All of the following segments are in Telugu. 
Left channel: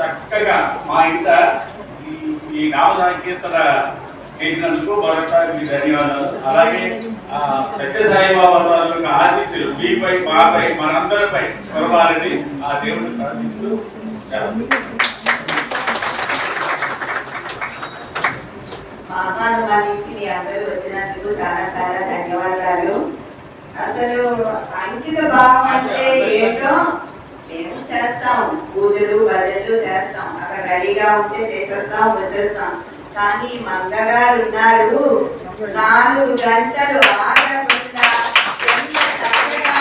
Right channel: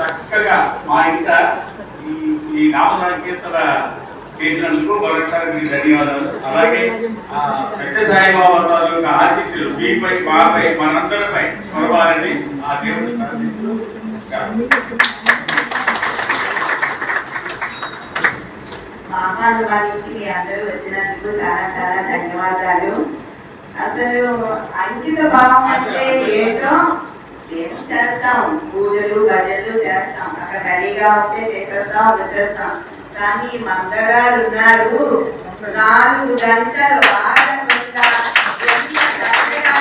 చక్కగా మా ఇంట ఈ నామ సంకీర్తన చేసినందుకు మరొకసారి మీకు ధన్యవాదాలు. అలాగే సత్యసాయిబాబా వారి యొక్క ఆశీస్సులు మీపై మాపై మనందరిపై స్వరవారిని ఆ దేవుడిని ప్రార్థిస్తూ ఆహ్వానించి మీ అందరూ వచ్చినందుకు చాలా చాలా ధన్యవాదాలు. అసలు అంకిత భావం అంటే ఏంటో మేము చేస్తాం, పూజలు భజనలు చేస్తాం, అక్కడ రెడీగా ఉంటే చేసేస్తాం వచ్చేస్తాం. కానీ మంగగారు ఉన్నారు 4 గంటలు ఆగకుండా ఎంత చక్కగా.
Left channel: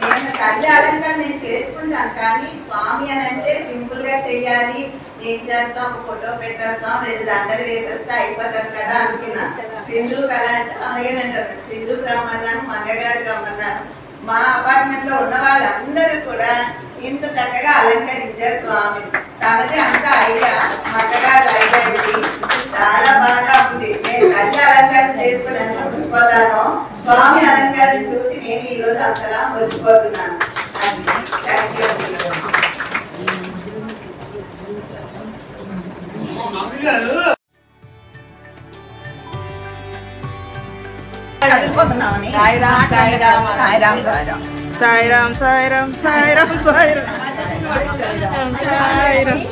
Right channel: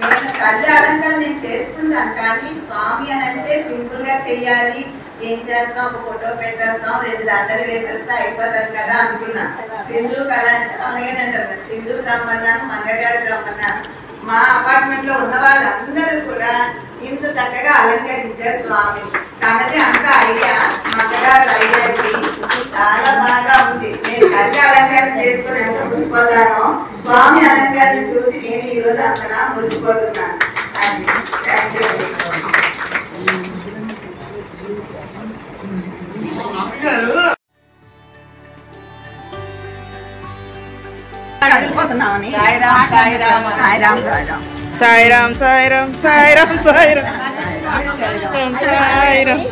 నేను తల్లి అలంకరణ నేను చేసుకుంటాను, కానీ స్వామి అని అంటే సింపుల్ గా చెయ్యాలి. ఏం చేస్తాం, ఒక ఫోటో పెట్టేస్తాం, 2 దండలు వేసేస్తే అయిపోతుంది కదా అనుకున్నా. సింధు కళ అంటే అలాగేనంటారు, సింధు రమ్మన్నాను, మంగగారు రమ్మన్నాను. మా అపార్ట్మెంట్ లో ఉన్న వాళ్ళందరూ కూడా ఇంత చక్కగా అలంకరించారు స్వామి. తనది అంత ఐడియా, మంగగారు ఐడియా ఇది చాలా బాగా ఉంది. నేను తల్లి అలంకరణ చేసుకుని ఎంత మురిసిపోతానో, స్వామి అలంకరణ చూసి నేను ఈ రోజు అంతలా మురిసిపోతున్నాను. Thank you. కదిలిపోతున్నామని సాయిరామ్ సాయిరామ్ సాయిరామ్ సాయిరామ్ సాయిరామ్ సాయిరామ్ సాయిరామ్ సాయిరామ్ సాయిరామ్.